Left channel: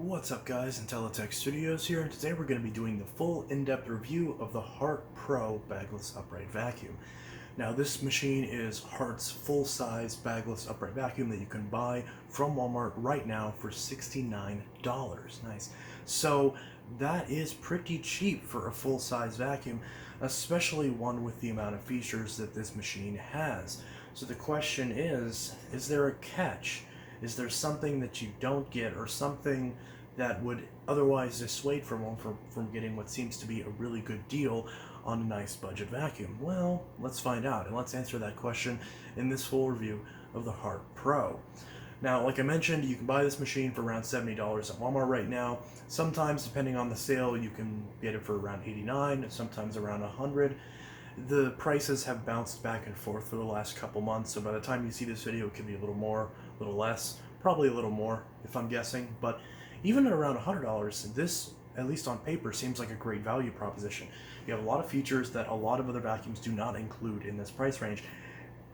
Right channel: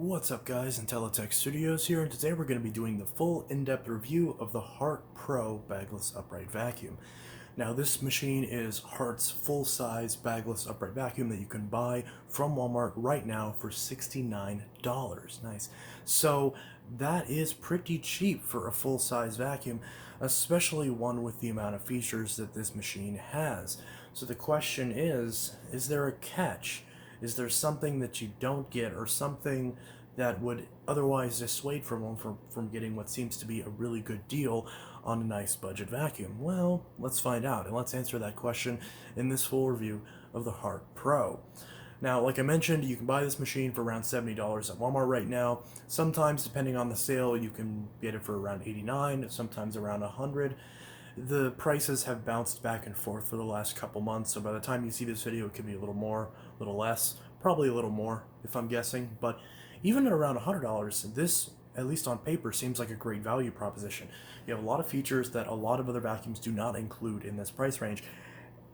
What's up guys, Intellitech Studios here, and today we're going to be doing the full in-depth review of the Hart Pro Bagless Upright Vacuum. Now this machine is Hart's full-size bagless upright vacuum that you can buy from Walmart right now for $69. Nice. So that is pretty cheap for a full-size vacuum, especially one with the amount of features that this machine has. So the question is there a catch? Is there something that you don't get, or something that would otherwise dissuade from getting what seems to be a really good deal on a nice budget vacuum? Well, let's find out, and let's answer that question in this full review of the Hart Pro. Now, like I mentioned, you can buy this machine for around $70 at Walmart right now. Sometimes, depending on the sale, you can get it for around $89, sometimes around $100. The prices have bounced back and forth for the last couple months, so by the time you see this video, it could be a little more, a little less, probably a little more, if I'm guessing. But even at around $100, this, at least on paper, seems like a great value proposition. You have a lot of features that a lot of other vacuums do not include in this price range,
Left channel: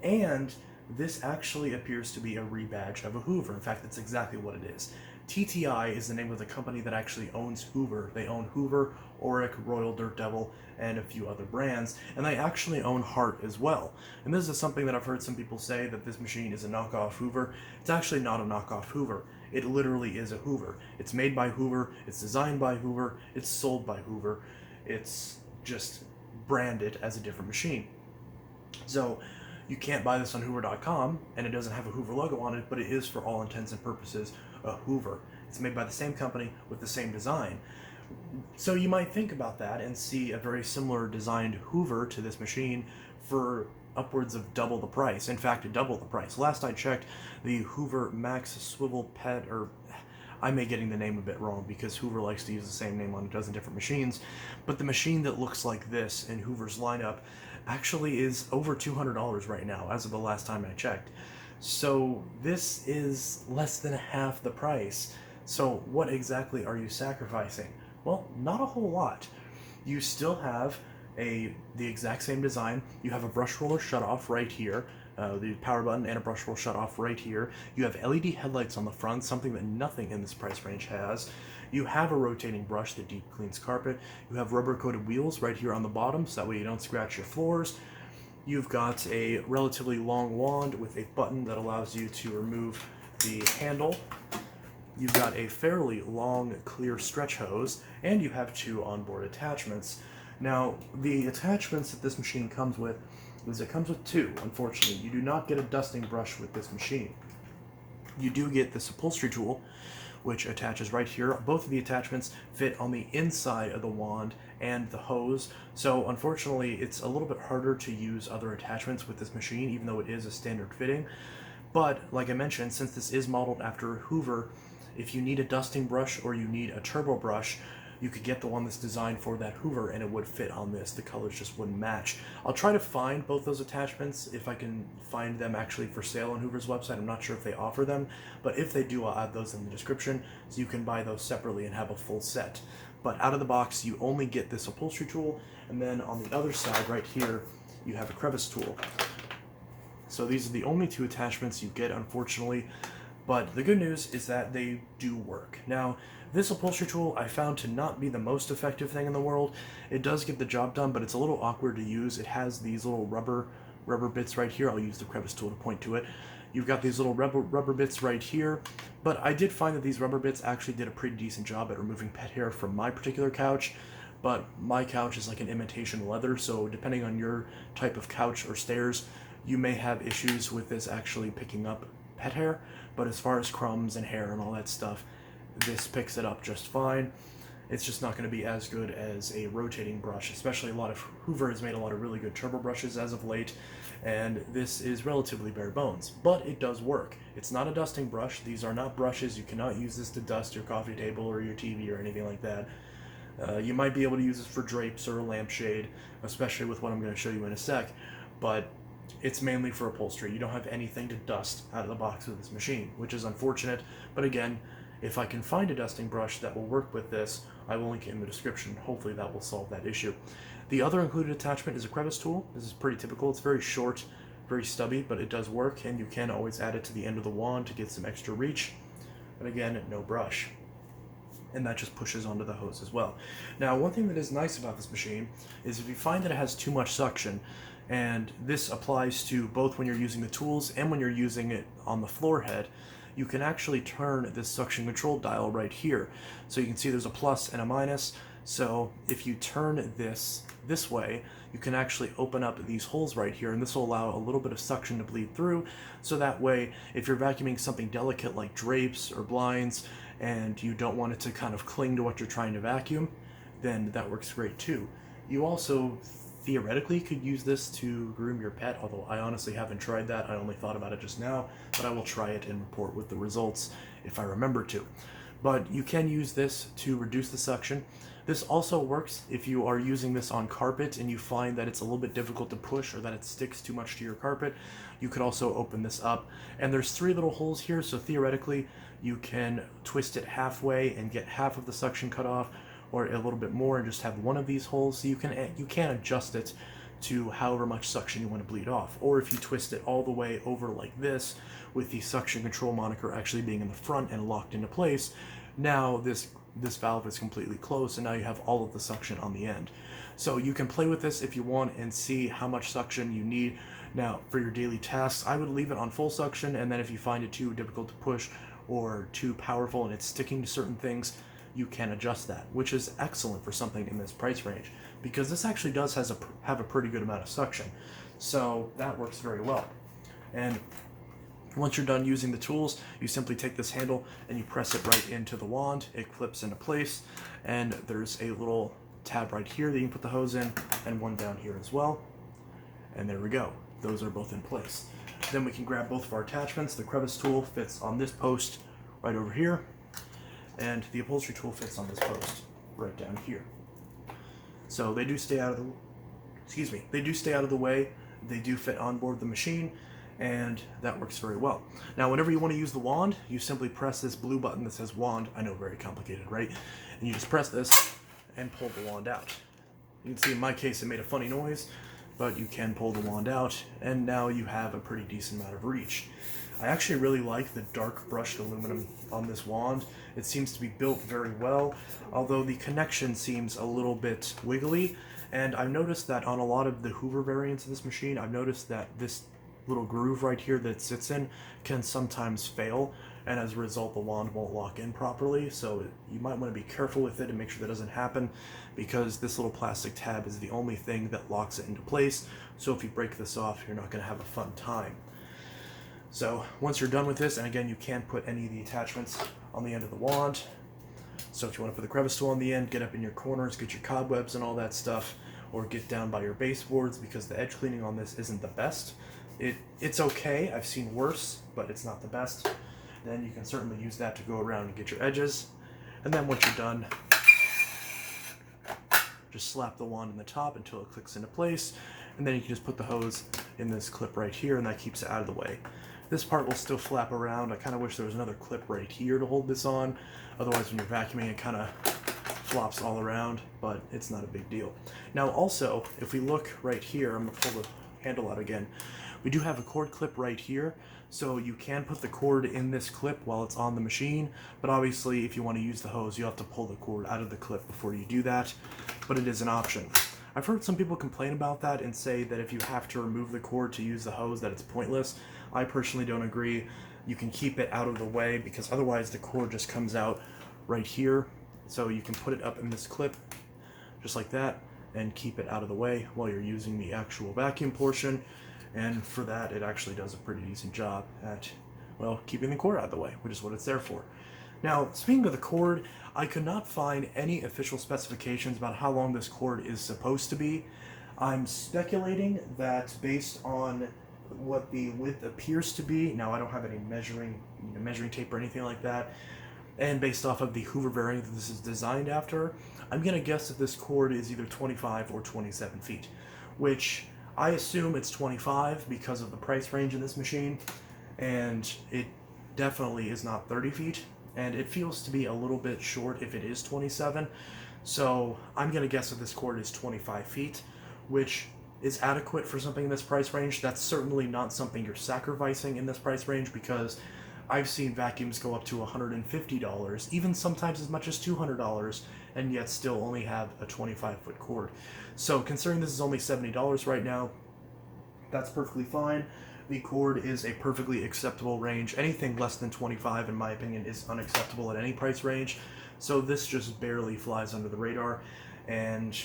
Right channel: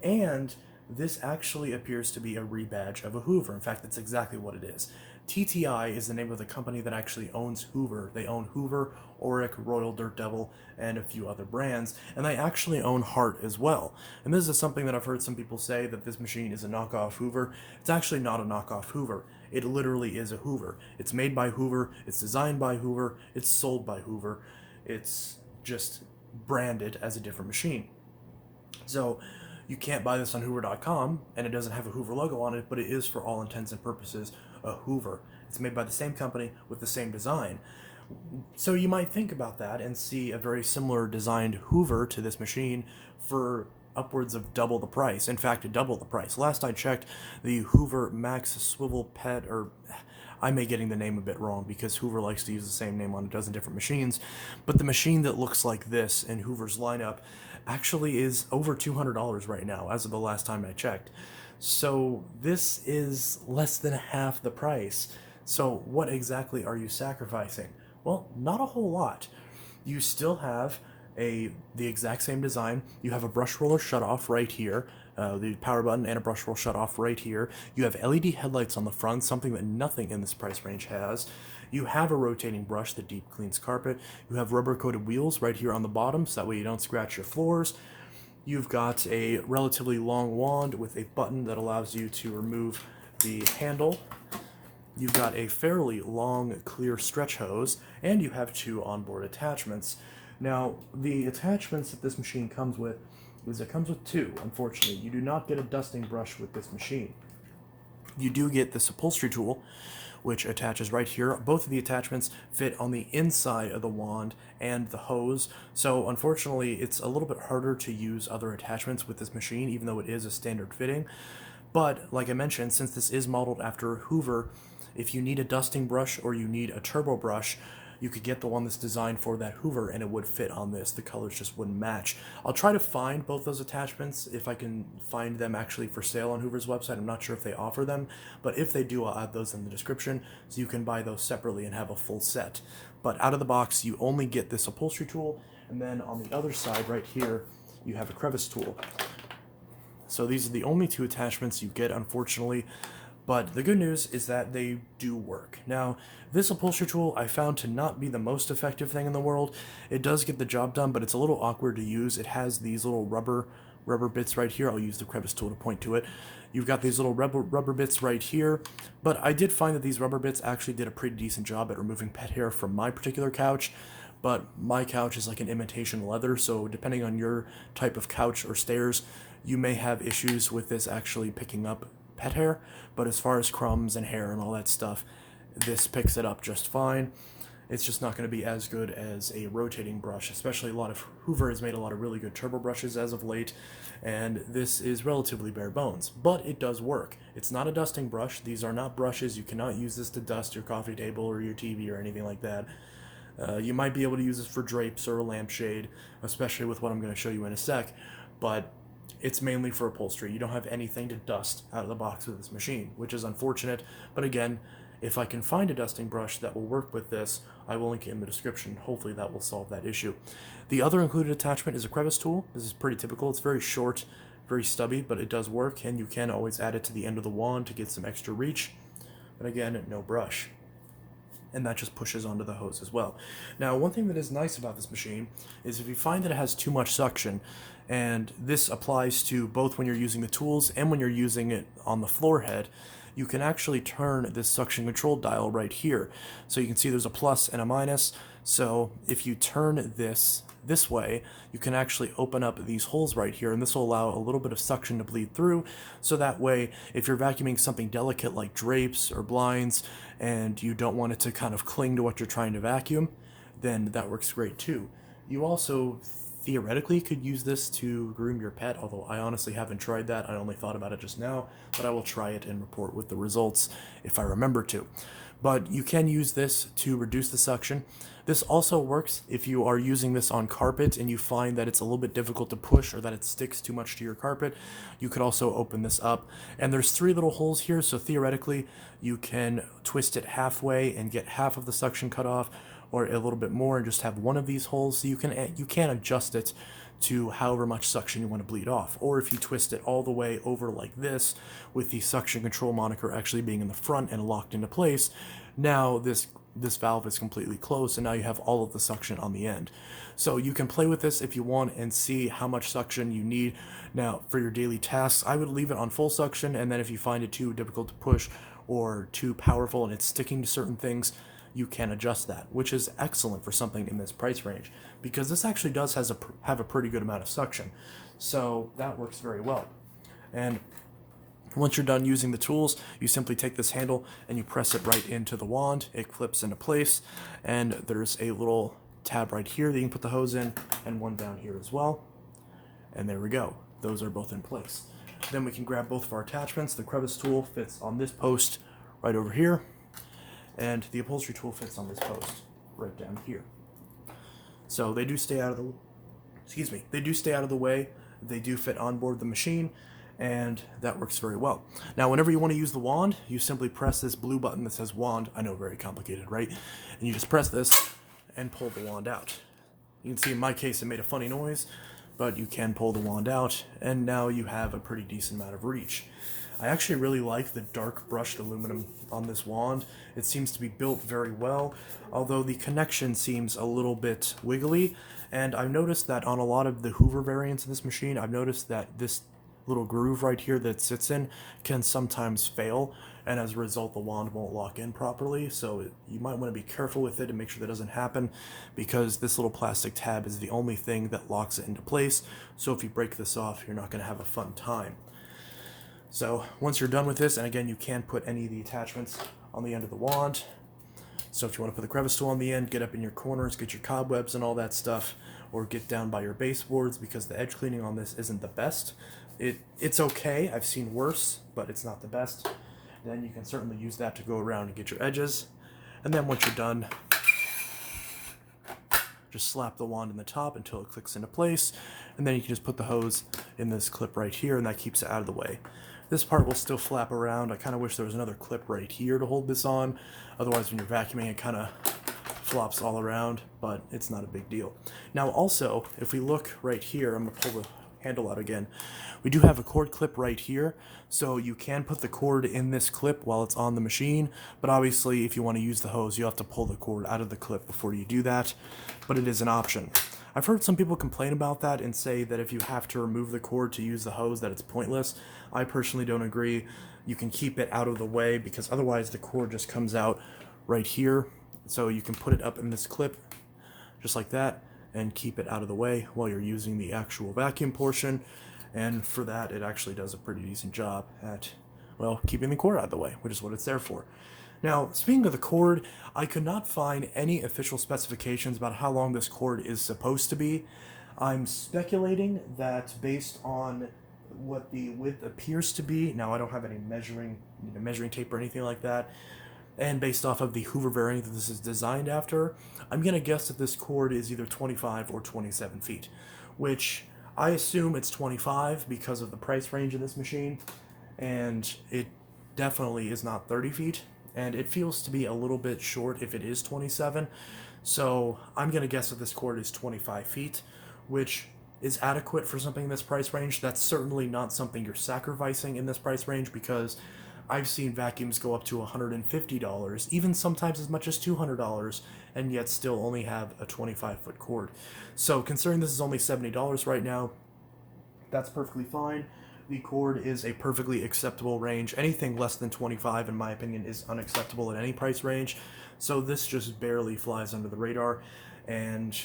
and this actually appears to be a rebadge of a Hoover. In fact, that's exactly what it is. TTI is the name of the company that actually owns Hoover. They own Hoover, Auric, Royal Dirt Devil, and a few other brands, and they actually own Hart as well. And this is something that I've heard some people say, that this machine is a knockoff Hoover. It's actually not a knockoff Hoover. It literally is a Hoover. It's made by Hoover, it's designed by Hoover, it's sold by Hoover. It's just branded as a different machine. So you can't buy this on Hoover.com, and it doesn't have a Hoover logo on it, but it is, for all intents and purposes, a Hoover. It's made by the same company with the same design. So you might think about that and see a very similar designed Hoover to this machine for upwards of double the price. In fact, double the price. Last I checked, the Hoover Max Swivel Pet, or I may be getting the name a bit wrong because Hoover likes to use the same name on a dozen different machines, but the machine that looks like this in Hoover's lineup actually is over $200 right now, as of the last time I checked. So this is less than half the price. So what exactly are you sacrificing? Well, not a whole lot. You still have the exact same design. You have a brush roller shutoff right here, the power button and a brush roll shutoff right here. You have LED headlights on the front, something that nothing in this price range has. You have a rotating brush that deep cleans carpet. You have rubber coated wheels right here on the bottom, so that way you don't scratch your floors. You've got a relatively long wand with a button that allows you to remove the handle. You've got a fairly long, clear stretch hose, and you have two onboard attachments. Now, the attachments that this machine comes with is it comes with two, unfortunately. You do not get a dusting brush with this machine. You do get this upholstery tool, which attaches right here. Both of the attachments fit on the inside of the wand and the hose, so unfortunately it's a little bit harder to use other attachments with this machine, even though it is a standard fitting. But like I mentioned, since this is modeled after Hoover, if you need a dusting brush or you need a turbo brush, you could get the one that's designed for that Hoover, and it would fit on this. The colors just wouldn't match. I'll try to find both those attachments if I can find them actually for sale on Hoover's website. I'm not sure if they offer them, but if they do, I'll add those in the description so you can buy those separately and have a full set. But out of the box, you only get this upholstery tool, and then on the other side right here, you have a crevice tool. So these are the only two attachments you get, unfortunately. But the good news is that they do work. Now, this upholstery tool I found to not be the most effective thing in the world. It does get the job done, but it's a little awkward to use. It has these little rubber bits right here. I'll use the crevice tool to point to it. You've got these little rubber bits right here, but I did find that these rubber bits actually did a pretty decent job at removing pet hair from my particular couch. But my couch is like an imitation leather, so depending on your type of couch or stairs, you may have issues with this actually picking up pet hair. But as far as crumbs and hair and all that stuff, this picks it up just fine. It's just not going to be as good as a rotating brush, especially Hoover has made a lot of really good turbo brushes as of late, and this is relatively bare bones, but it does work. It's not a dusting brush. These are not brushes. You cannot use this to dust your coffee table or your TV or anything like that. You might be able to use this for drapes or a lampshade, especially with what I'm going to show you in a sec, but it's mainly for upholstery. You don't have anything to dust out of the box with this machine, which is unfortunate. But again, if I can find a dusting brush that will work with this, I will link it in the description. Hopefully that will solve that issue. The other included attachment is a crevice tool. This is pretty typical. It's very short, very stubby, but it does work, and you can always add it to the end of the wand to get some extra reach. And again, no brush. and that just pushes onto the hose as well. Now, one thing that is nice about this machine is if you find that it has too much suction, and this applies to both when you're using the tools and when you're using it on the floor head, you can actually turn this suction control dial right here. So you can see there's a plus and a minus. So if you turn this way, you can actually open up these holes right here, and this will allow a little bit of suction to bleed through. So that way, if you're vacuuming something delicate like drapes or blinds, and you don't want it to kind of cling to what you're trying to vacuum, then that works great too. You also theoretically could use this to groom your pet, although I honestly haven't tried that. I only thought about it just now, but I will try it and report with the results if I remember to. But you can use this to reduce the suction. This also works if you are using this on carpet and you find that it's a little bit difficult to push or that it sticks too much to your carpet. You could also open this up, and there's 3 little holes here, so theoretically you can twist it halfway and get half of the suction cut off, or a little bit more and just have one of these holes. So you can adjust it to however much suction you want to bleed off. Or if you twist it all the way over like this, with the suction control monitor actually being in the front and locked into place, now this valve is completely closed, and now you have all of the suction on the end. So you can play with this if you want and see how much suction you need. Now, for your daily tasks, I would leave it on full suction, and then if you find it too difficult to push or too powerful and it's sticking to certain things, you can adjust that, which is excellent for something in this price range, because this actually does have a pretty good amount of suction. So that works very well. And once you're done using the tools, you simply take this handle and you press it right into the wand. It clips into place, and there's a little tab right here that you can put the hose in, and one down here as well. And there we go. Those are both in place. Then we can grab both of our attachments. The crevice tool fits on this post right over here, and the upholstery tool fits on this post right down here. So they do stay out of the way. They do fit on board the machine, and that works very well. Now, whenever you want to use the wand, you simply press this blue button that says wand. I know, very complicated, right? And you just press this and pull the wand out. You can see in my case it made a funny noise, but you can pull the wand out, and now you have a pretty decent amount of reach. I actually really like the dark brushed aluminum on this wand. It seems to be built very well, although the connection seems a little bit wiggly. And I've noticed that on a lot of the Hoover variants of this machine, I've noticed that this little groove right here that it sits in can sometimes fail, and as a result the wand won't lock in properly. So you might want to be careful with it and make sure that doesn't happen, because this little plastic tab is the only thing that locks it into place. So if you break this off, you're not going to have a fun time. So once you're done with this, and again, you can put any of the attachments on the end of the wand. So if you want to put the crevice tool on the end, get up in your corners, get your cobwebs and all that stuff, or get down by your baseboards, because the edge cleaning on this isn't the best. It's okay, I've seen worse, but it's not the best. Then you can certainly use that to go around and get your edges. And then once you're done, just slap the wand in the top until it clicks into place, and then you can just put the hose in this clip right here, and that keeps it out of the way. This part will still flap around. I kind of wish there was another clip right here to hold this on. Otherwise, when you're vacuuming, it kind of flops all around, but it's not a big deal. Now, also, if we look right here, I'm going to pull the handle out again. We do have a cord clip right here, so you can put the cord in this clip while it's on the machine, but obviously, if you want to use the hose, you have to pull the cord out of the clip before you do that, but it is an option. I've heard some people complain about that and say that if you have to remove the cord to use the hose, that it's pointless. I personally don't agree. You can keep it out of the way, because otherwise the cord just comes out right here. So you can put it up in this clip just like that and keep it out of the way while you're using the actual vacuum portion. And for that, it actually does a pretty decent job at, well, keeping the cord out of the way, which is what it's there for. Now, speaking of the cord, I could not find any official specifications about how long this cord is supposed to be. I'm speculating that based on what the width appears to be, now I don't have any measuring tape or anything like that, and based off of the Hoover variant that this is designed after, I'm going to guess that this cord is either 25 or 27 feet, which I assume it's 25 because of the price range of this machine, and it definitely is not 30 feet. And it feels to be a little bit short if it is 27. So I'm going to guess that this cord is 25 feet, which is adequate for something in this price range. That's certainly not something you're sacrificing in this price range, because I've seen vacuums go up to $150, even sometimes as much as $200, and yet still only have a 25-foot cord. So considering this is only $70 right now, that's perfectly fine. The cord is a perfectly acceptable range. Anything less than 25, in my opinion, is unacceptable at any price range. So this just barely flies under the radar. And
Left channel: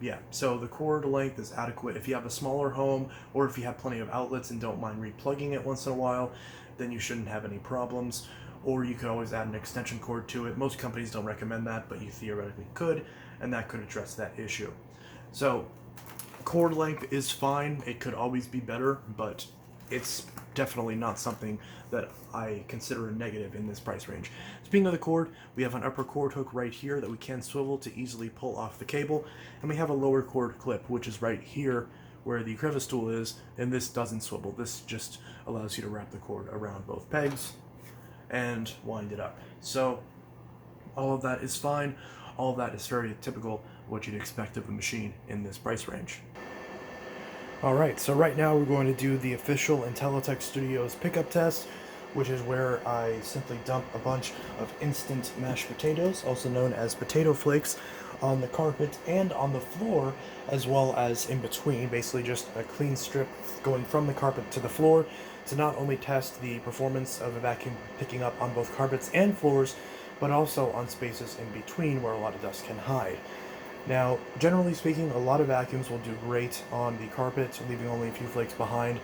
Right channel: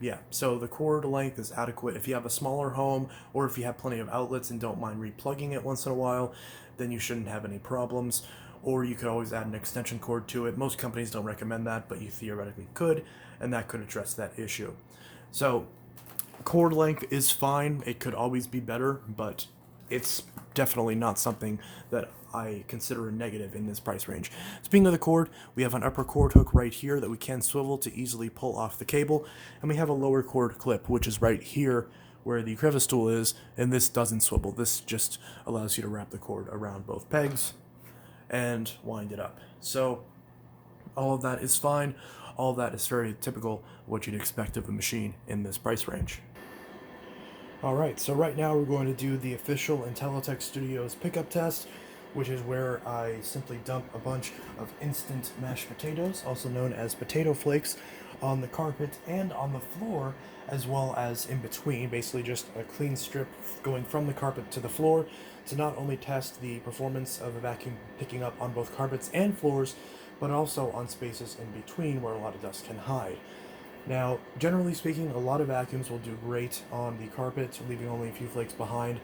yeah, so the cord length is adequate. If you have a smaller home, or if you have plenty of outlets and don't mind replugging it once in a while, then you shouldn't have any problems. Or you could always add an extension cord to it. Most companies don't recommend that, but you theoretically could, and that could address that issue. So cord length is fine. It could always be better, but it's definitely not something that I consider a negative in this price range. Speaking of the cord, we have an upper cord hook right here that we can swivel to easily pull off the cable, and we have a lower cord clip, which is right here where the crevice tool is, and this doesn't swivel. This just allows you to wrap the cord around both pegs and wind it up. So all of that is fine. All of that is very typical what you'd expect of a machine in this price range. Alright, so right now we're going to do the official Intellitech Studios pickup test, which is where I simply dump a bunch of instant mashed potatoes, also known as potato flakes, on the carpet and on the floor, as well as in between, basically just a clean strip going from the carpet to the floor, to not only test the performance of a vacuum picking up on both carpets and floors, but also on spaces in between where a lot of dust can hide. Now, generally speaking, a lot of vacuums will do great on the carpet, leaving only a few flakes behind,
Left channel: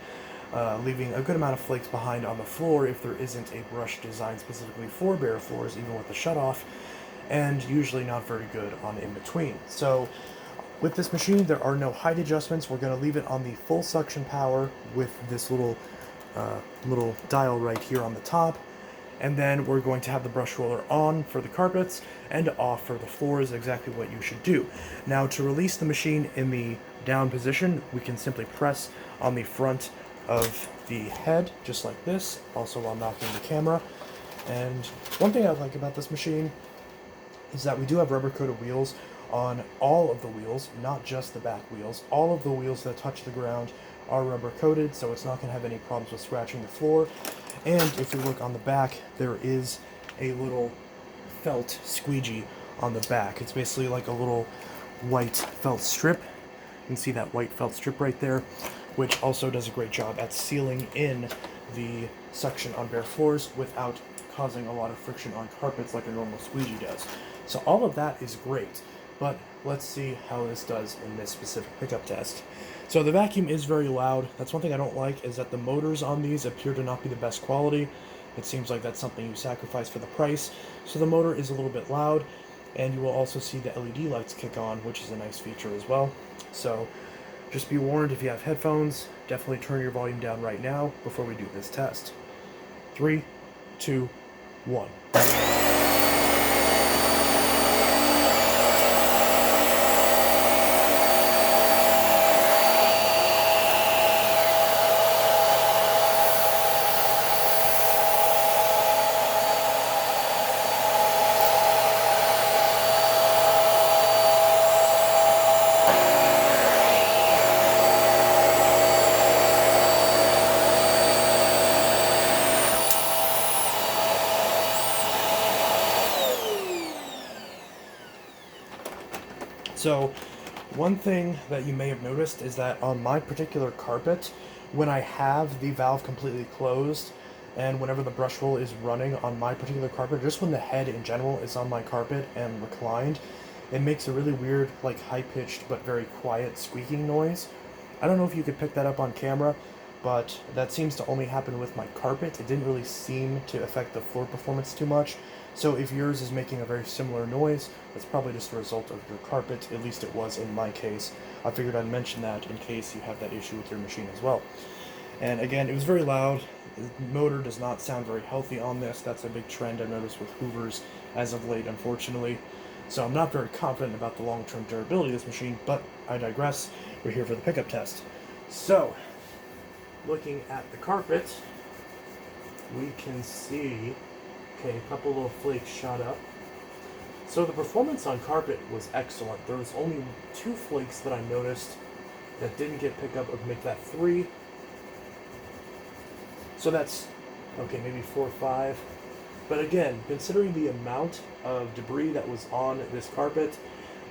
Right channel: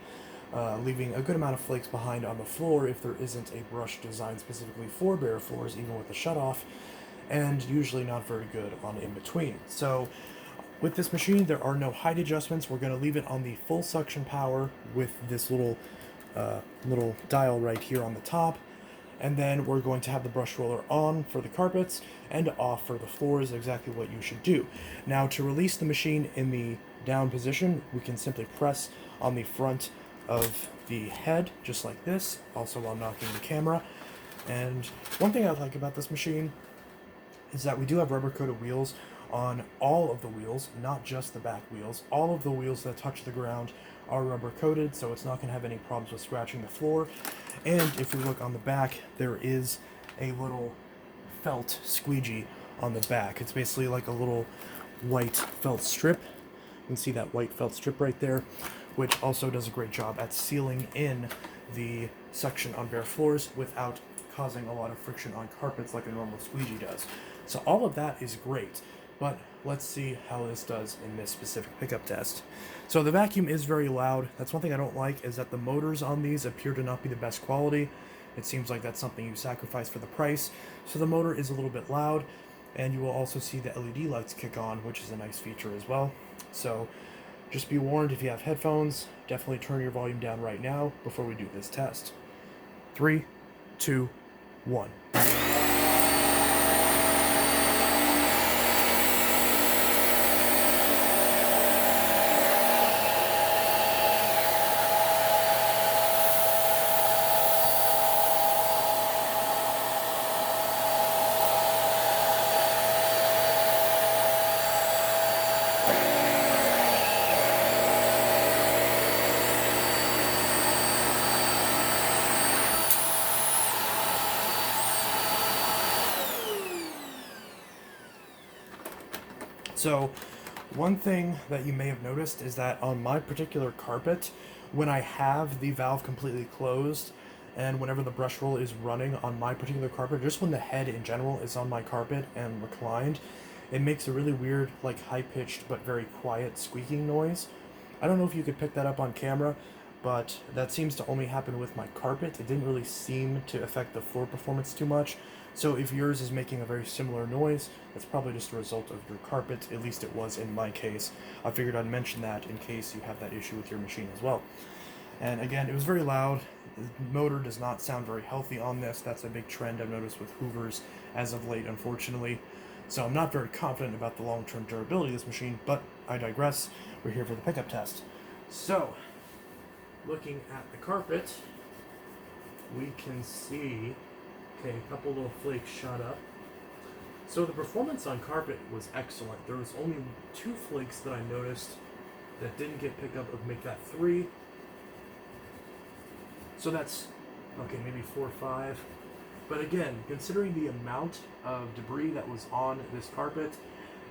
leaving a good amount of flakes behind on the floor if there isn't a brush designed specifically for bare floors, even with the shutoff, and usually not very good on in between. So, with this machine, there are no height adjustments. We're going to leave it on the full suction power with this little dial right here on the top. And then we're going to have the brush roller on for the carpets and off for the floors, exactly what you should do. Now, to release the machine in the down position, we can simply press on the front of the head, just like this, also while knocking the camera. And one thing I like about this machine is that we do have rubber-coated wheels on all of the wheels, not just the back wheels. All of the wheels that touch the ground are rubber-coated, so it's not going to have any problems with scratching the floor. And if we look on the back, there is a little felt squeegee on the back. It's basically like a little white felt strip. You can see that white felt strip right there, which also does a great job at sealing in the suction on bare floors without causing a lot of friction on carpets like a normal squeegee does. So all of that is great, but let's see how this does in this specific pickup test. So the vacuum is very loud. That's one thing I don't like, is that the motors on these appear to not be the best quality. It seems like that's something you sacrifice for the price. So the motor is a little bit loud, and you will also see the LED lights kick on, which is a nice feature as well. So just be warned, if you have headphones, definitely turn your volume down right now before we do this test. 3, 2, 1. So, one thing that you may have noticed is that on my particular carpet, when I have the valve completely closed, and whenever the brush roll is running on my particular carpet, just when the head in general is on my carpet and reclined, it makes a really weird, like high-pitched but very quiet squeaking noise. I don't know if you could pick that up on camera, but that seems to only happen with my carpet. It didn't really seem to affect the floor performance too much. So if yours is making a very similar noise, that's probably just a result of your carpet. At least it was in my case. I figured I'd mention that in case you have that issue with your machine as well. And again, it was very loud. The motor does not sound very healthy on this. That's a big trend I've noticed with Hoovers as of late, unfortunately. So I'm not very confident about the long-term durability of this machine, but I digress. We're here for the pickup test. So, looking at the carpet, we can see, okay, a couple little flakes shot up. So the performance on carpet was excellent. There was only 2 flakes that I noticed that didn't get picked up. It would make that 3. So that's Okay, maybe 4 or 5. But again, considering the amount of debris that was on this carpet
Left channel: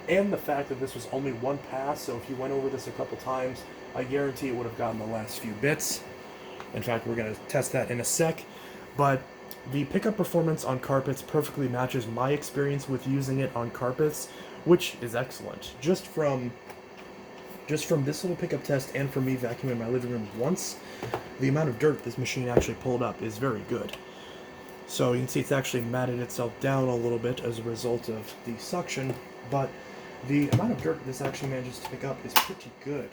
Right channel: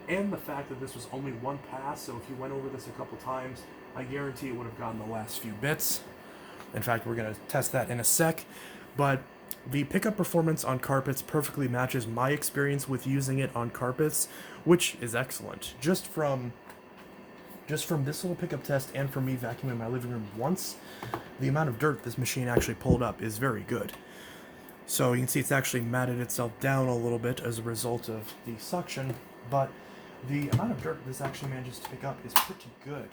and the fact that this was only one pass, so if you went over this a couple times, I guarantee it would have gotten the last few bits. In fact, we're going to test that in a sec. But the pickup performance on carpets perfectly matches my experience with using it on carpets, which is excellent. Just from this little pickup test and from me vacuuming my living room once, the amount of dirt this machine actually pulled up is very good. So you can see it's actually matted itself down a little bit as a result of the suction, but the amount of dirt this actually manages to pick up is pretty good.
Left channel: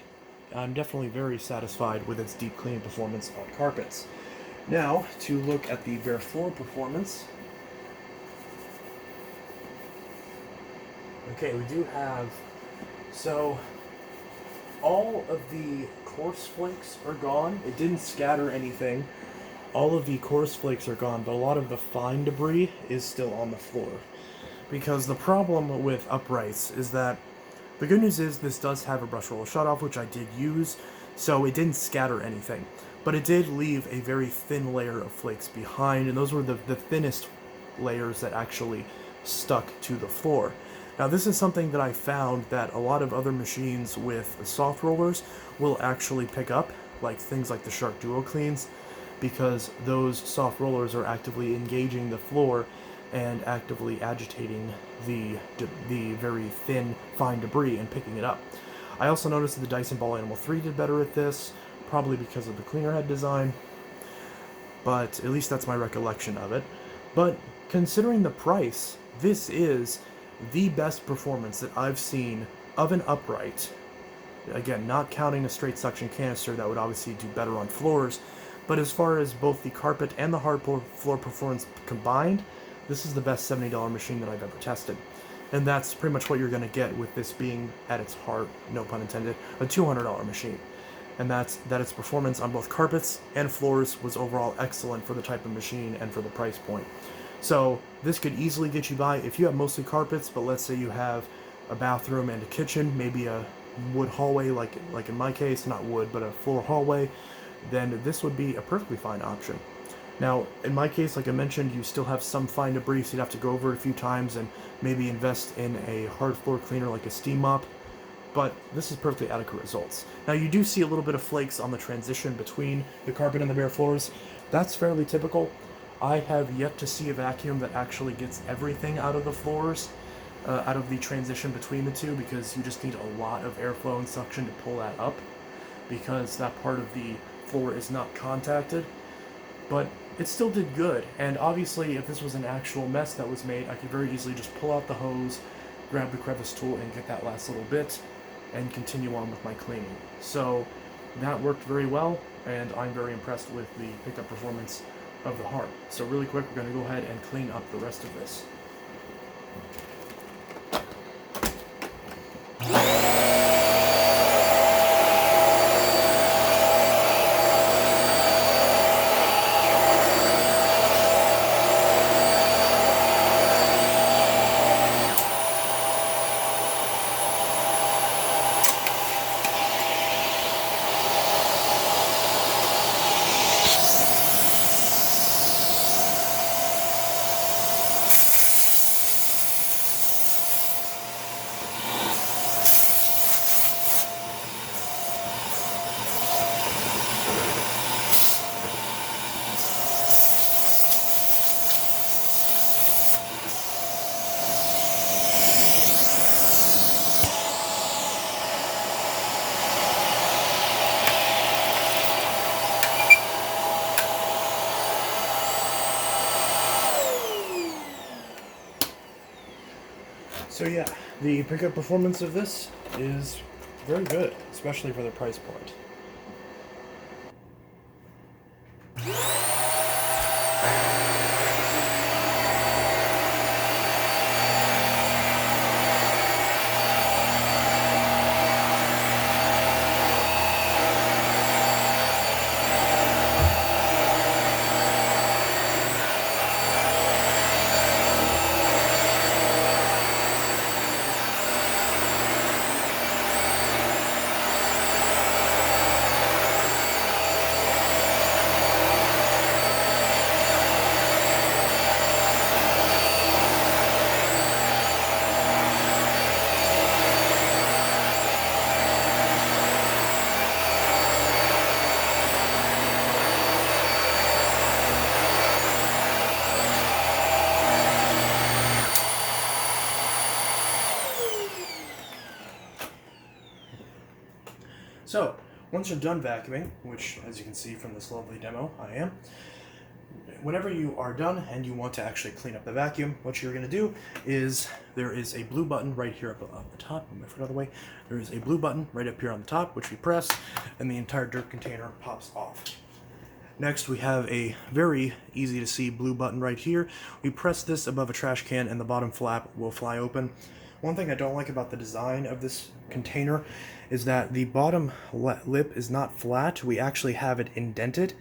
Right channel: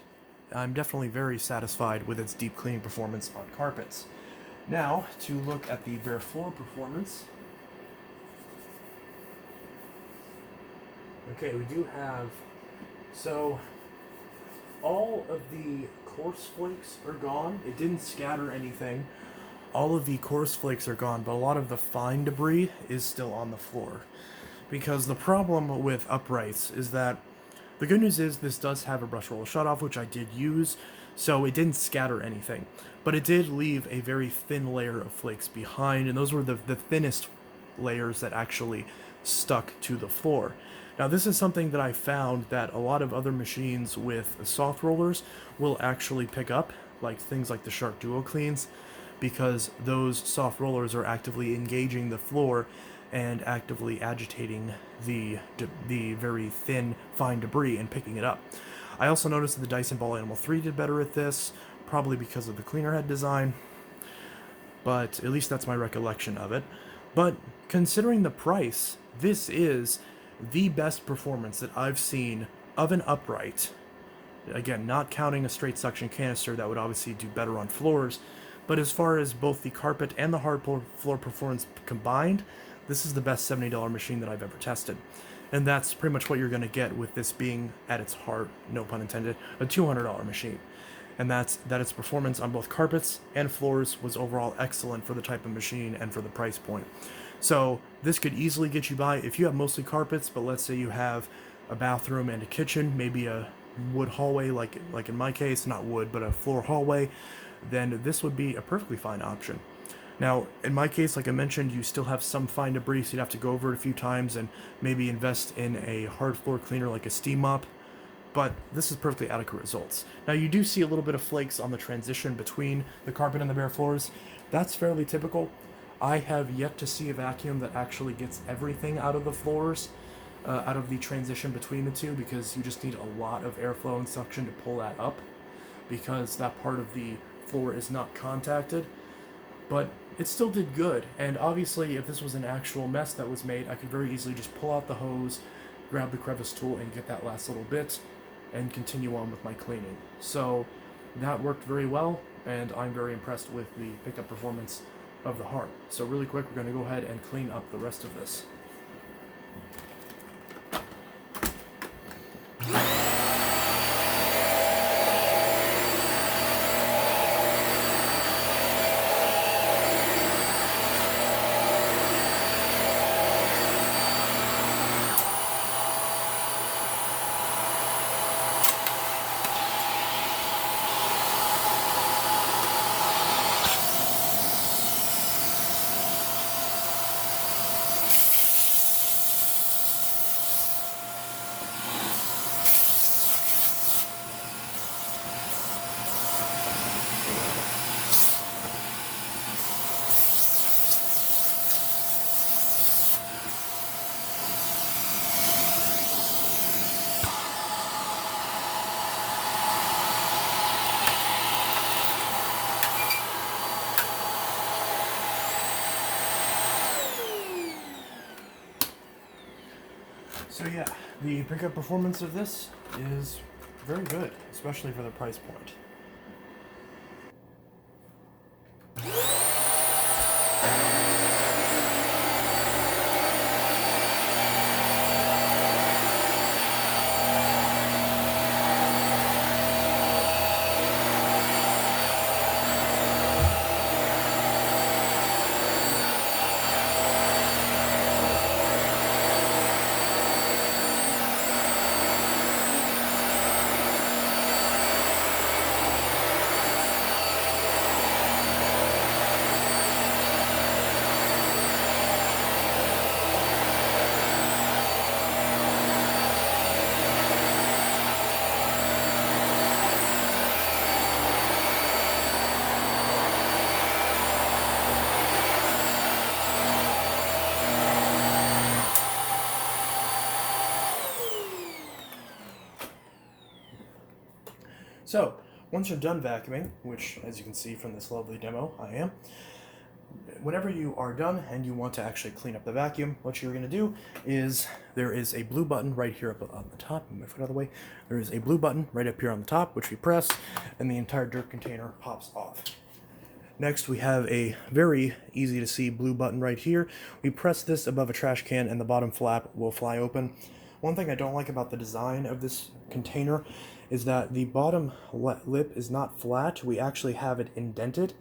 I'm definitely very satisfied with its deep cleaning performance on carpets. Now, to look at the bare floor performance. Okay, we do have, so all of the coarse flakes are gone. It didn't scatter anything. All of the coarse flakes are gone, but a lot of the fine debris is still on the floor. Because the problem with uprights is that the good news is this does have a brush roller shutoff, which I did use, so it didn't scatter anything. But it did leave a very thin layer of flakes behind, and those were the thinnest layers that actually stuck to the floor. Now this is something that I found that a lot of other machines with soft rollers will actually pick up, like things like the Shark Duo Cleans, because those soft rollers are actively engaging the floor and actively agitating the very thin, fine debris and picking it up. I also noticed that the Dyson Ball Animal 3 did better at this, probably because of the cleaner head design, but at least that's my recollection of it. But considering the price, this is the best performance that I've seen of an upright. Again, not counting a straight suction canister that would obviously do better on floors, but as far as both the carpet and the hard floor performance combined, this is the best $70 machine that I've ever tested. And that's pretty much what you're going to get with this being, at its heart, no pun intended, a $200 machine. And that's that its performance on both carpets and floors was overall excellent for the type of machine and for the price point. So this could easily get you by if you have mostly carpets, but let's say you have a bathroom and a kitchen, maybe a wood hallway, like in my case, not wood, but a floor hallway, then this would be a perfectly fine option. Now, in my case, like I mentioned, you still have some fine debris, so you'd have to go over it a few times and maybe invest in a hard floor cleaner like a steam mop, but this is perfectly adequate results. Now, you do see a little bit of flakes on the transition between the carpet and the bare floors. That's fairly typical. I have yet to see a vacuum that actually gets everything out of the floors, out of the transition between the two, because you just need a lot of airflow and suction to pull that up, because that part of the floor is not contacted. But it still did good, and obviously if this was an actual mess that was made, I could very easily just pull out the hose, grab the crevice tool, and get that last little bit, and continue on with my cleaning. So that worked very well, and I'm very impressed with the pickup performance of the Hart. So really quick, we're going to go ahead and clean up the rest of this. So yeah, the pickup performance of this is very good, especially for the price point. So, once you're done vacuuming, which as you can see from this lovely demo, I am, whenever you are done and you want to actually clean up the vacuum, what you're going to do is there is a blue button right here up on the top. Move it out of the way. There is a blue button right up here on the top, which we press, and the entire dirt container pops off. Next, we have a very easy to see blue button right here. We press this above a trash can and the bottom flap will fly open. One thing I don't like about the design of this container is that the bottom lip is not flat. We actually have it indented,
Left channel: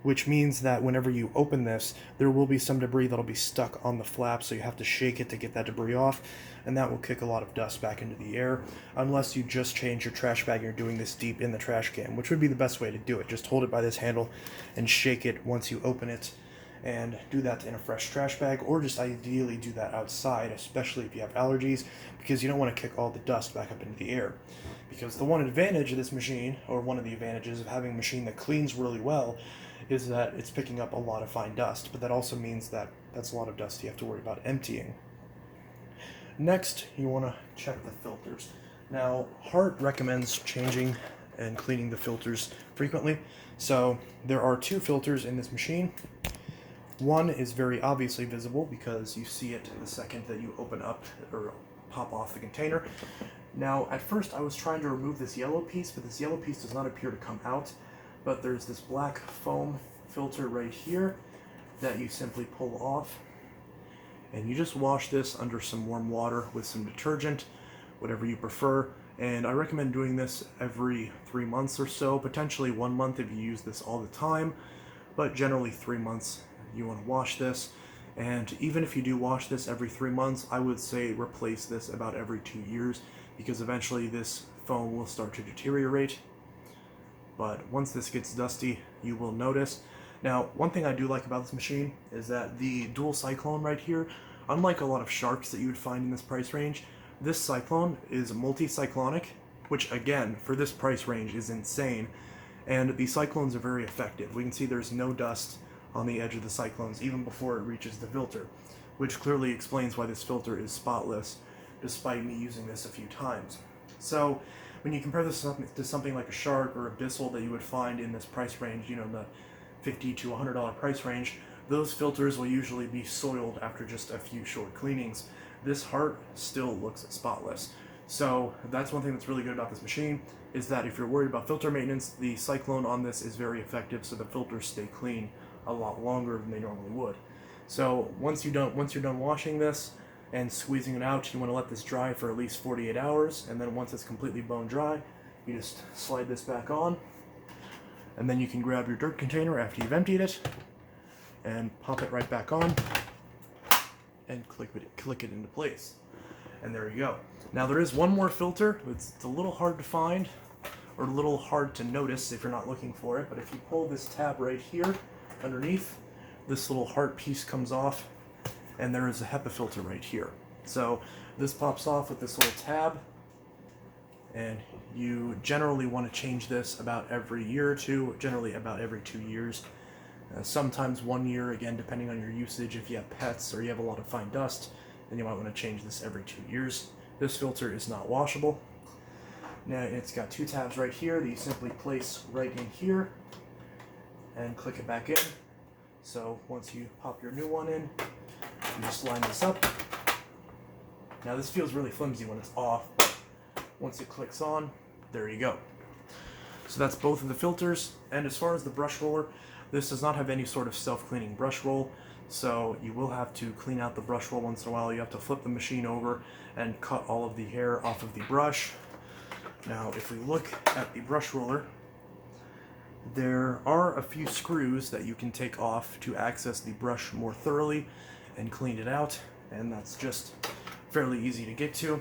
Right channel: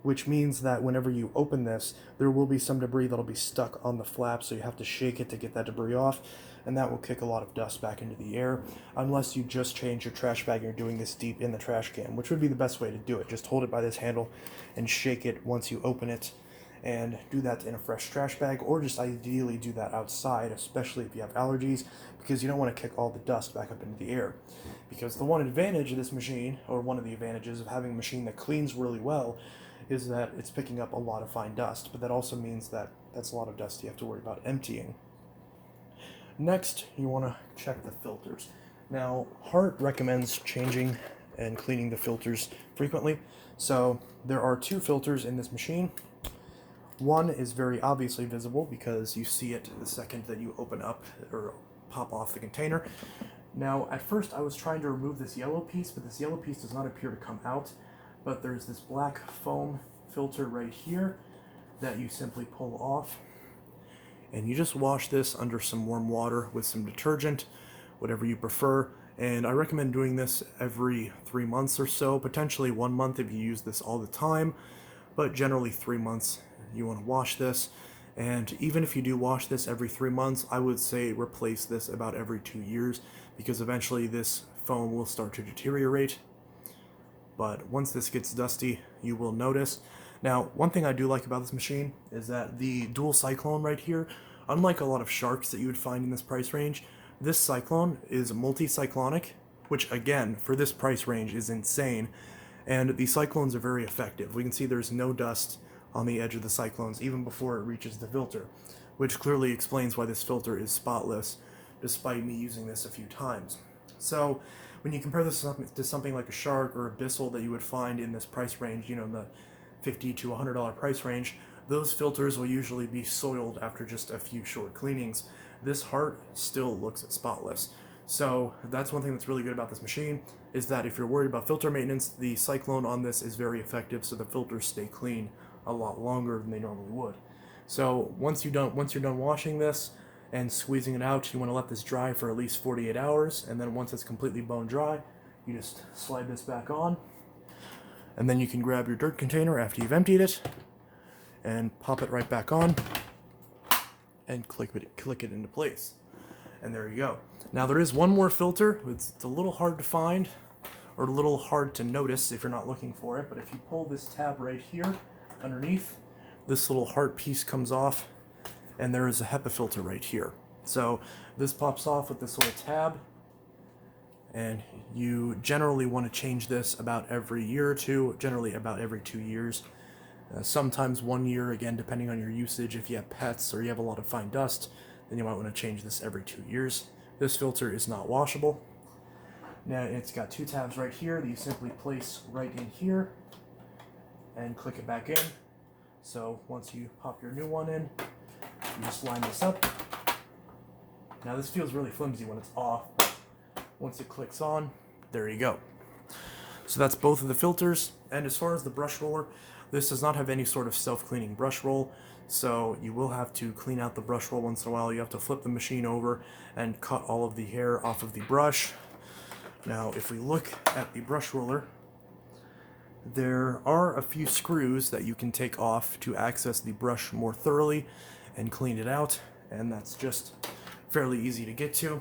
which means that whenever you open this, there will be some debris that'll be stuck on the flap, so you have to shake it to get that debris off, and that will kick a lot of dust back into the air, unless you just change your trash bag and you're doing this deep in the trash can, which would be the best way to do it. Just hold it by this handle and shake it once you open it, and do that in a fresh trash bag, or just ideally do that outside, especially if you have allergies, because you don't want to kick all the dust back up into the air. Because the one advantage of this machine, or one of the advantages of having a machine that cleans really well, is that it's picking up a lot of fine dust, but that also means that that's a lot of dust you have to worry about emptying. Next, you want to check the filters. Now, Hart recommends changing and cleaning the filters frequently, so there are two filters in this machine. One is very obviously visible because you see it the second that you open up or pop off the container. Now, at first I was trying to remove this yellow piece, but this yellow piece does not appear to come out. But there's this black foam filter right here that you simply pull off, and you just wash this under some warm water with some detergent, whatever you prefer. And I recommend doing this every 3 months or so, potentially 1 month if you use this all the time, but generally 3 months you want to wash this. And even if you do wash this every 3 months, I would say replace this about every 2 years, because eventually this foam will start to deteriorate. But once this gets dusty, you will notice. Now, one thing I do like about this machine is that the dual cyclone right here, unlike a lot of Sharks that you would find in this price range, this cyclone is multi-cyclonic, which again, for this price range is insane. And the cyclones are very effective. We can see there's no dust on the edge of the cyclones even before it reaches the filter, which clearly explains why this filter is spotless, despite me using this a few times. So, when you compare this to something like a Shark or a Bissell that you would find in this price range, you know, in the $50 to $100 price range, those filters will usually be soiled after just a few short cleanings. This Hart still looks spotless. So that's one thing that's really good about this machine, is that if you're worried about filter maintenance, the cyclone on this is very effective, so the filters stay clean a lot longer than they normally would. So once you're done washing this and squeezing it out, you want to let this dry for at least 48 hours, and then once it's completely bone dry, you just slide this back on, and then you can grab your dirt container after you've emptied it and pop it right back on and click it into place. And there you go. Now there is one more filter. It's a little hard to find, or a little hard to notice if you're not looking for it, but if you pull this tab right here underneath, this little Hart piece comes off, and there is a HEPA filter right here. So this pops off with this little tab, and you generally want to change this about every year or two, generally about every 2 years. Sometimes 1 year, again, depending on your usage. If you have pets or you have a lot of fine dust, then you might want to change this every 2 years. This filter is not washable. Now it's got two tabs right here that you simply place right in here and click it back in. So once you pop your new one in, you just line this up. Now this feels really flimsy when it's off, but once it clicks on, there you go. So that's both of the filters. And as far as the brush roller, this does not have any sort of self-cleaning brush roll, so you will have to clean out the brush roll once in a while. You have to flip the machine over and cut all of the hair off of the brush. Now if we look at the brush roller, there are a few screws that you can take off to access the brush more thoroughly and clean it out, and that's just fairly easy to get to.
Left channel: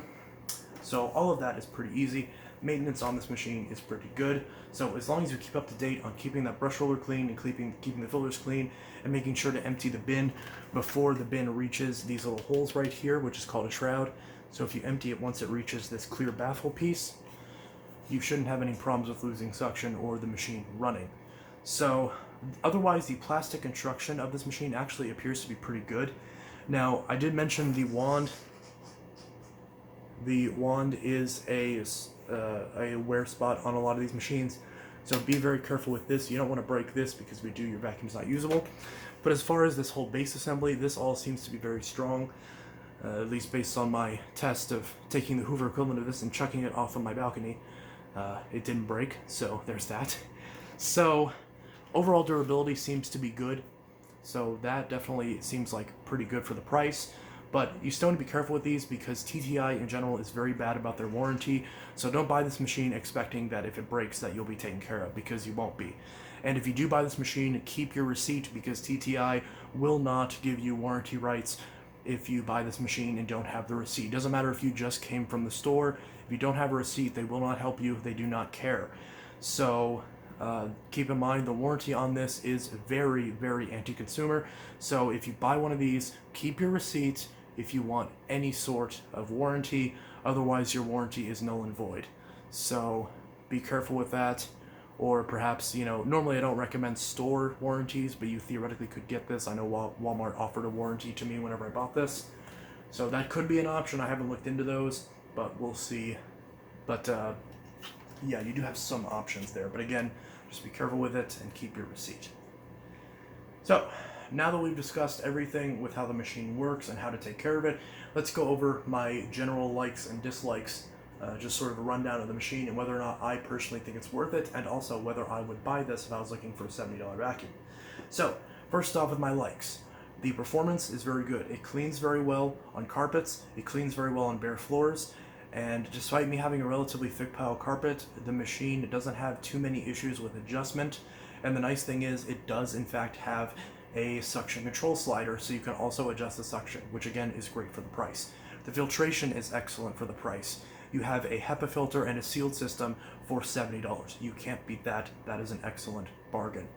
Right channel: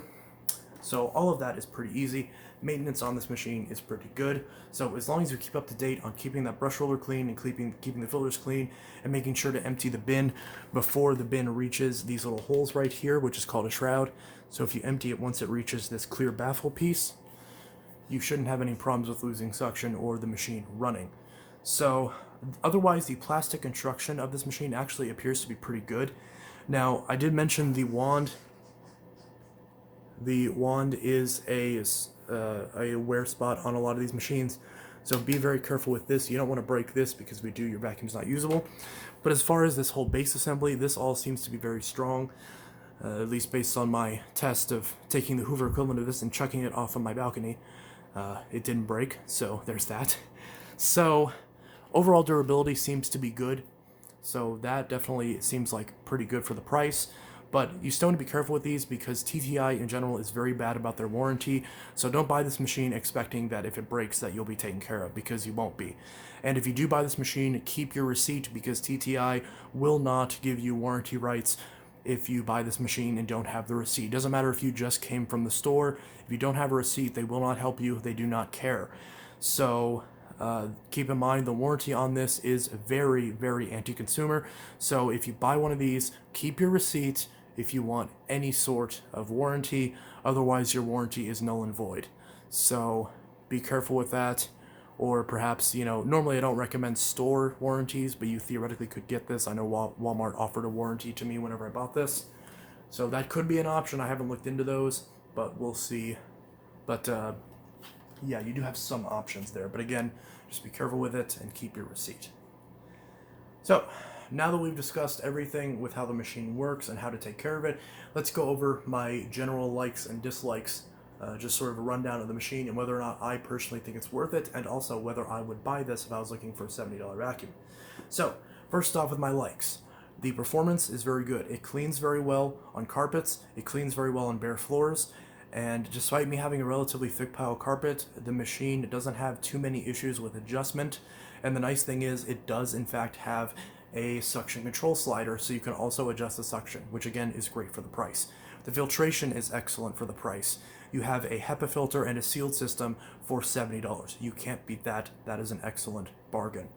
So all of that is pretty easy. Maintenance on this machine is pretty good. So as long as you keep up to date on keeping that brush roller clean and keeping the filters clean and making sure to empty the bin before the bin reaches these little holes right here, which is called a shroud. So if you empty it once it reaches this clear baffle piece, you shouldn't have any problems with losing suction or the machine running. So otherwise, the plastic construction of this machine actually appears to be pretty good. Now, I did mention the wand. The wand is a a wear spot on a lot of these machines. So be very careful with this. You don't want to break this, because if you do, your vacuum's not usable. But as far as this whole base assembly, this all seems to be very strong, at least based on my test of taking the Hoover equivalent of this and chucking it off on my balcony. It didn't break, so there's that. So overall durability seems to be good, so that definitely seems like pretty good for the price. But you still need to be careful with these, because TTI in general is very bad about their warranty. So don't buy this machine expecting that if it breaks that you'll be taken care of, because you won't be. And if you do buy this machine, keep your receipt, because TTI will not give you warranty rights if you buy this machine and don't have the receipt. It doesn't matter if you just came from the store. If you don't have a receipt, they will not help you. They do not care. So keep in mind, the warranty on this is very, very anti-consumer. So if you buy one of these, keep your receipt if you want any sort of warranty. Otherwise, your warranty is null and void. So be careful with that. Or perhaps, normally I don't recommend store warranties, but you theoretically could get this. I know Walmart offered a warranty to me whenever I bought this. So that could be an option. I haven't looked into those, but we'll see. But yeah, you do have some options there. But again, just be careful with it and keep your receipt. So now that we've discussed everything with how the machine works and how to take care of it, let's go over my general likes and dislikes, just sort of a rundown of the machine and whether or not I personally think it's worth it, and also whether I would buy this if I was looking for a $70 vacuum. So first off, with my likes. The performance is very good. It cleans very well on carpets, it cleans very well on bare floors, and despite me having a relatively thick pile carpet, the machine doesn't have too many issues with adjustment. And the nice thing is, it does in fact have a suction control slider, so you can also adjust the suction, which again is great for the price. The filtration is excellent for the price. You have a HEPA filter and a sealed system for $70. You can't beat that. That is an excellent bargain.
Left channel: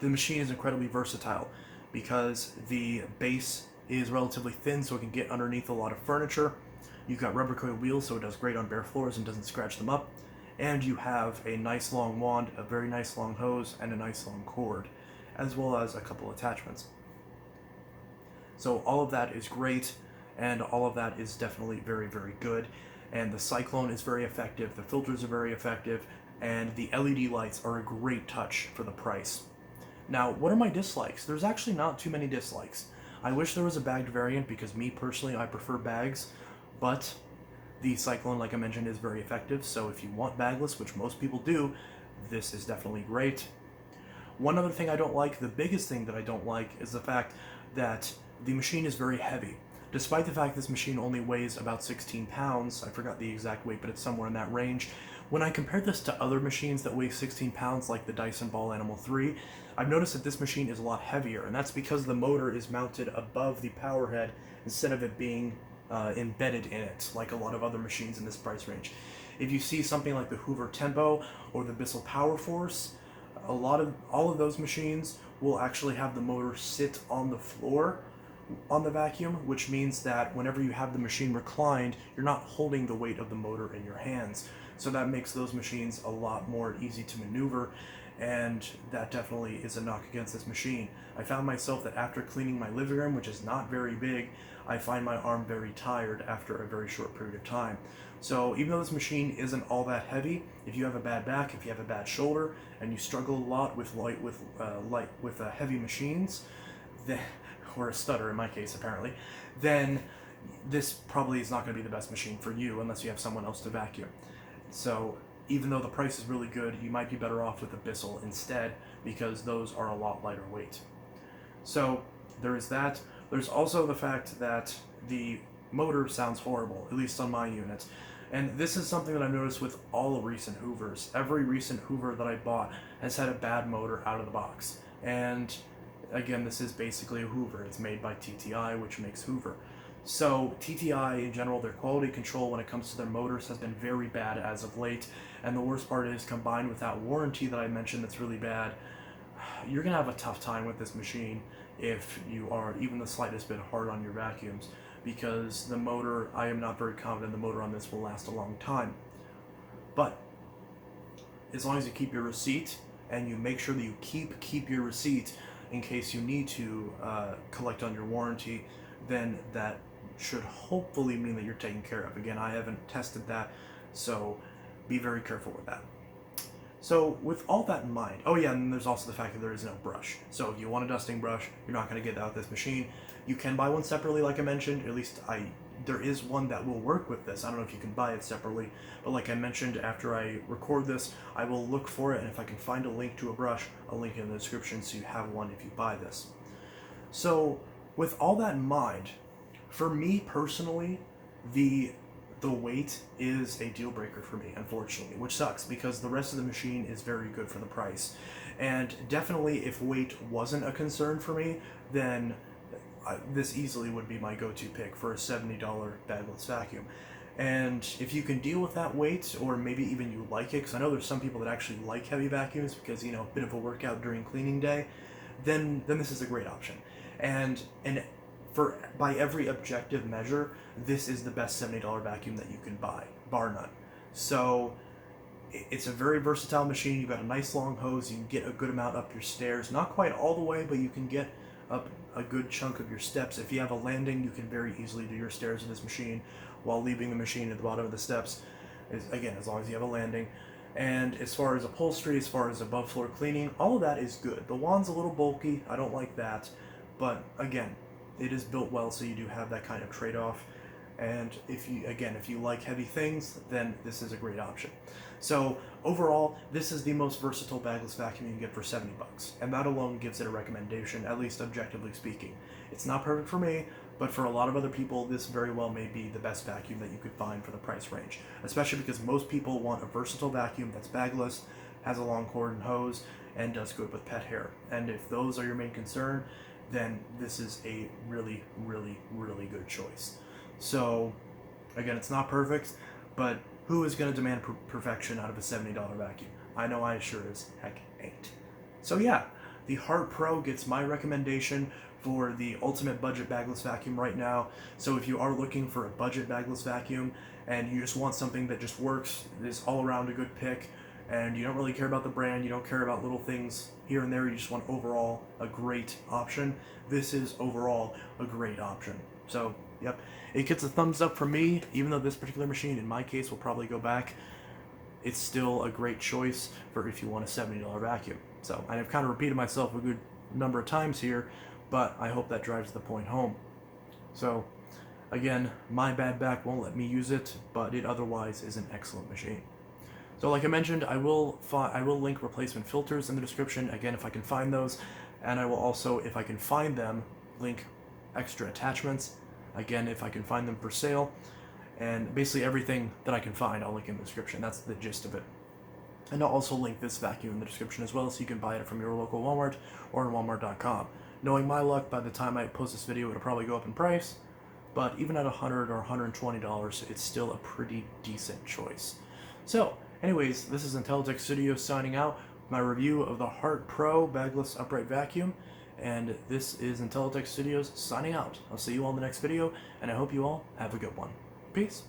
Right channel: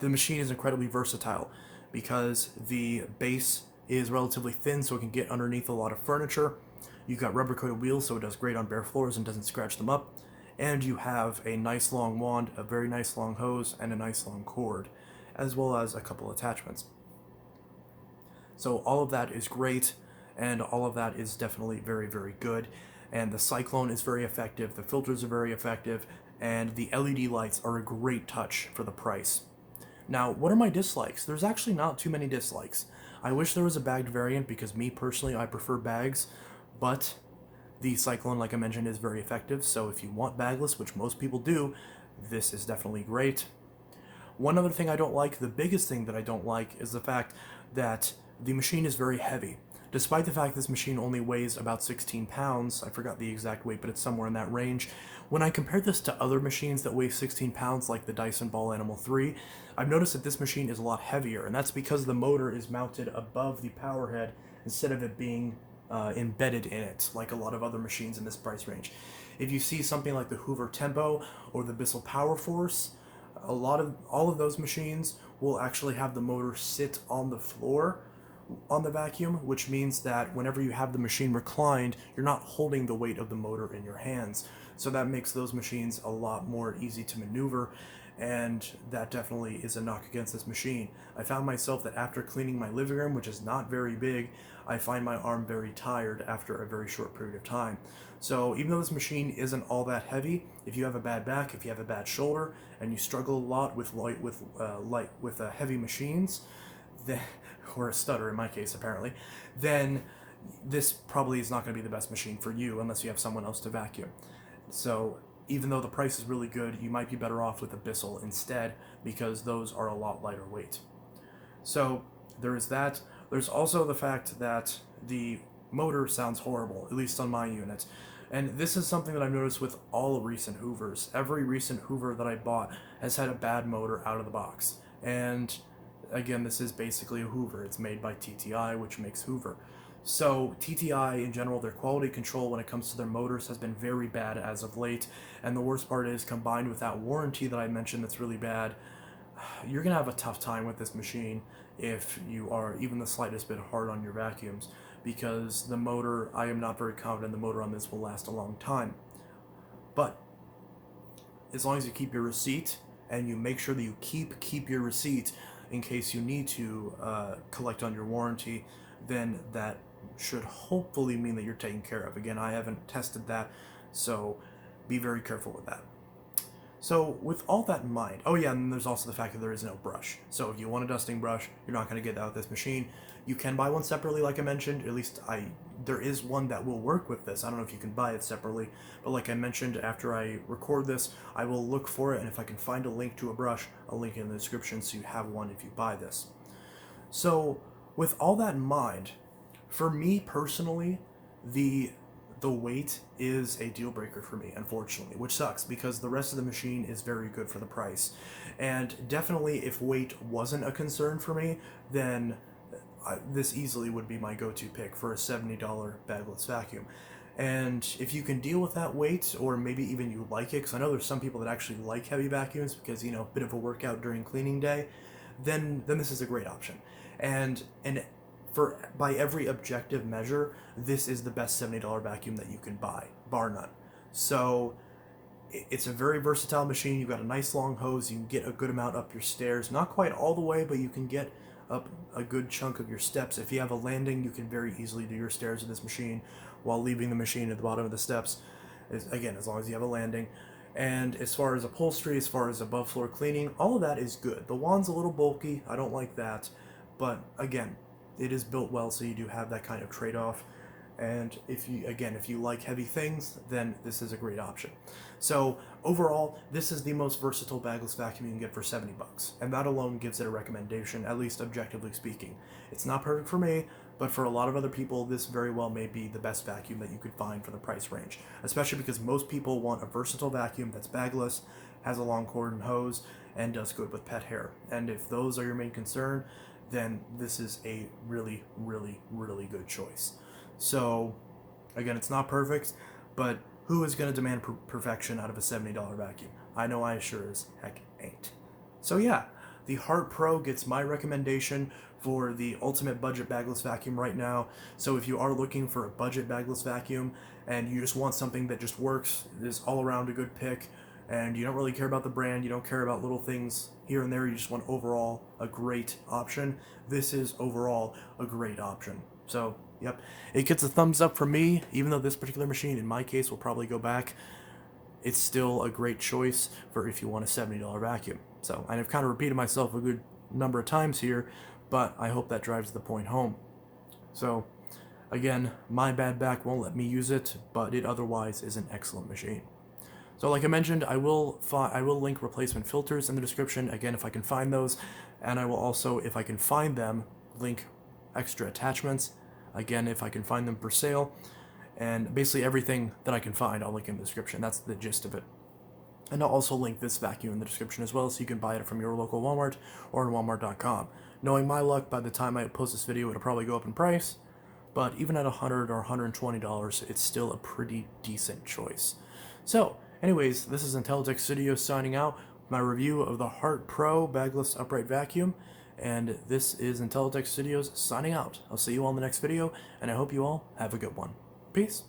The machine is incredibly versatile because the base is relatively thin, so it can get underneath a lot of furniture. You've got rubber coated wheels, so it does great on bare floors and doesn't scratch them up. And you have a nice long wand, a very nice long hose, and a nice long cord, as well as a couple attachments. So all of that is great, and all of that is definitely very, very good. And the cyclone is very effective, the filters are very effective, and the LED lights are a great touch for the price. Now, what are my dislikes? There's actually not too many dislikes. I wish there was a bagged variant, because me personally, I prefer bags, but the cyclone, like I mentioned, is very effective. So if you want bagless, which most people do, this is definitely great. One other thing I don't like, the biggest thing that I don't like, is the fact that the machine is very heavy. Despite the fact this machine only weighs about 16 pounds, I forgot the exact weight, but it's somewhere in that range. When I compare this to other machines that weigh 16 pounds, like the Dyson Ball Animal 3, I've noticed that this machine is a lot heavier, and that's because the motor is mounted above the power head instead of it being embedded in it, like a lot of other machines in this price range. If you see something like the Hoover Tempo or the Bissell Power Force, all of those machines will actually have the motor sit on the floor on the vacuum, which means that whenever you have the machine reclined, you're not holding the weight of the motor in your hands. So that makes those machines a lot more easy to maneuver, and that definitely is a knock against this machine. I found myself that after cleaning my living room, which is not very big, I find my arm very tired after a very short period of time. So even though this machine isn't all that heavy, if you have a bad back, if you have a bad shoulder, and you struggle a lot with heavy machines, then, or a stutter in my case apparently, then this probably is not going to be the best machine for you unless you have someone else to vacuum. So even though the price is really good, you might be better off with a Bissell instead, because those are a lot lighter weight. So there is that. There's also the fact that the motor sounds horrible, at least on my unit. And this is something that I've noticed with all recent Hoovers. Every recent Hoover that I bought has had a bad motor out of the box. And again, this is basically a Hoover. It's made by TTI, which makes Hoover. So TTI in general, their quality control when it comes to their motors has been very bad as of late. And the worst part is, combined with that warranty that I mentioned that's really bad, you're going to have a tough time with this machine if you are even the slightest bit hard on your vacuums, because the motor, I am not very confident the motor on this will last a long time. But as long as you keep your receipt, and you make sure that you keep your receipt in case you need to collect on your warranty, then that should hopefully mean that you're taken care of. Again, I haven't tested that So be very careful with that. So with all that in mind, oh yeah, and there's also the fact that there is no brush. So if you want a dusting brush, you're not going to get that with this machine. You can buy one separately, like I mentioned. At least there is one that will work with this. I don't know if you can buy it separately, but like I mentioned, after I record this, I will look for it, and if I can find a link to a brush, I'll link it in the description so you have one if you buy this. So with all that in mind, for me personally, the weight is a deal breaker for me, unfortunately, which sucks because the rest of the machine is very good for the price. And definitely, if weight wasn't a concern for me, then this easily would be my go-to pick for a $70 bagless vacuum. And if you can deal with that weight, or maybe even you like it, because I know there's some people that actually like heavy vacuums because, a bit of a workout during cleaning day, then this is a great option. And by every objective measure, this is the best $70 vacuum that you can buy, bar none. So it's a very versatile machine. You've got a nice long hose. You can get a good amount up your stairs. Not quite all the way, but you can get up a good chunk of your steps. If you have a landing, you can very easily do your stairs with this machine while leaving the machine at the bottom of the steps. Again, as long as you have a landing. And as far as upholstery, as far as above floor cleaning, all of that is good. The wand's a little bulky. I don't like that. But again, it is built well, so you do have that kind of trade-off. And if you like heavy things, then this is a great option. So overall, this is the most versatile bagless vacuum you can get for $70, and that alone gives it a recommendation, at least objectively speaking. It's not perfect for me, but for a lot of other people, this very well may be the best vacuum that you could find for the price range, especially because most people want a versatile vacuum that's bagless, has a long cord and hose, and does good with pet hair. And if those are your main concern, then this is a really, really, really good choice. So, again, it's not perfect, but who is going to demand perfection out of a $70 vacuum? I know I sure as heck ain't. So yeah, the Hart Pro gets my recommendation for the ultimate budget bagless vacuum right now. So if you are looking for a budget bagless vacuum and you just want something that just works, is all around a good pick, and you don't really care about the brand, you don't care about little things here and there, you just want overall a great option, this is overall a great option. So, yep, it gets a thumbs up from me, even though this particular machine, in my case, will probably go back. It's still a great choice for if you want a $70 vacuum. So, and I've kind of repeated myself a good number of times here, but I hope that drives the point home. So, again, my bad back won't let me use it, but it otherwise is an excellent machine. So like I mentioned, I will link replacement filters in the description, again, if I can find those, and I will also, if I can find them, link extra attachments, again, if I can find them for sale, and basically everything that I can find, I'll link in the description. That's the gist of it. And I'll also link this vacuum in the description as well, so you can buy it from your local Walmart or on walmart.com. Knowing my luck, by the time I post this video, it'll probably go up in price, but even at $100 or $120, it's still a pretty decent choice. So, anyways, this is Intellitech Studios signing out, my review of the Hart Pro Bagless Upright Vacuum, and this is Intellitech Studios signing out. I'll see you all in the next video, and I hope you all have a good one. Peace.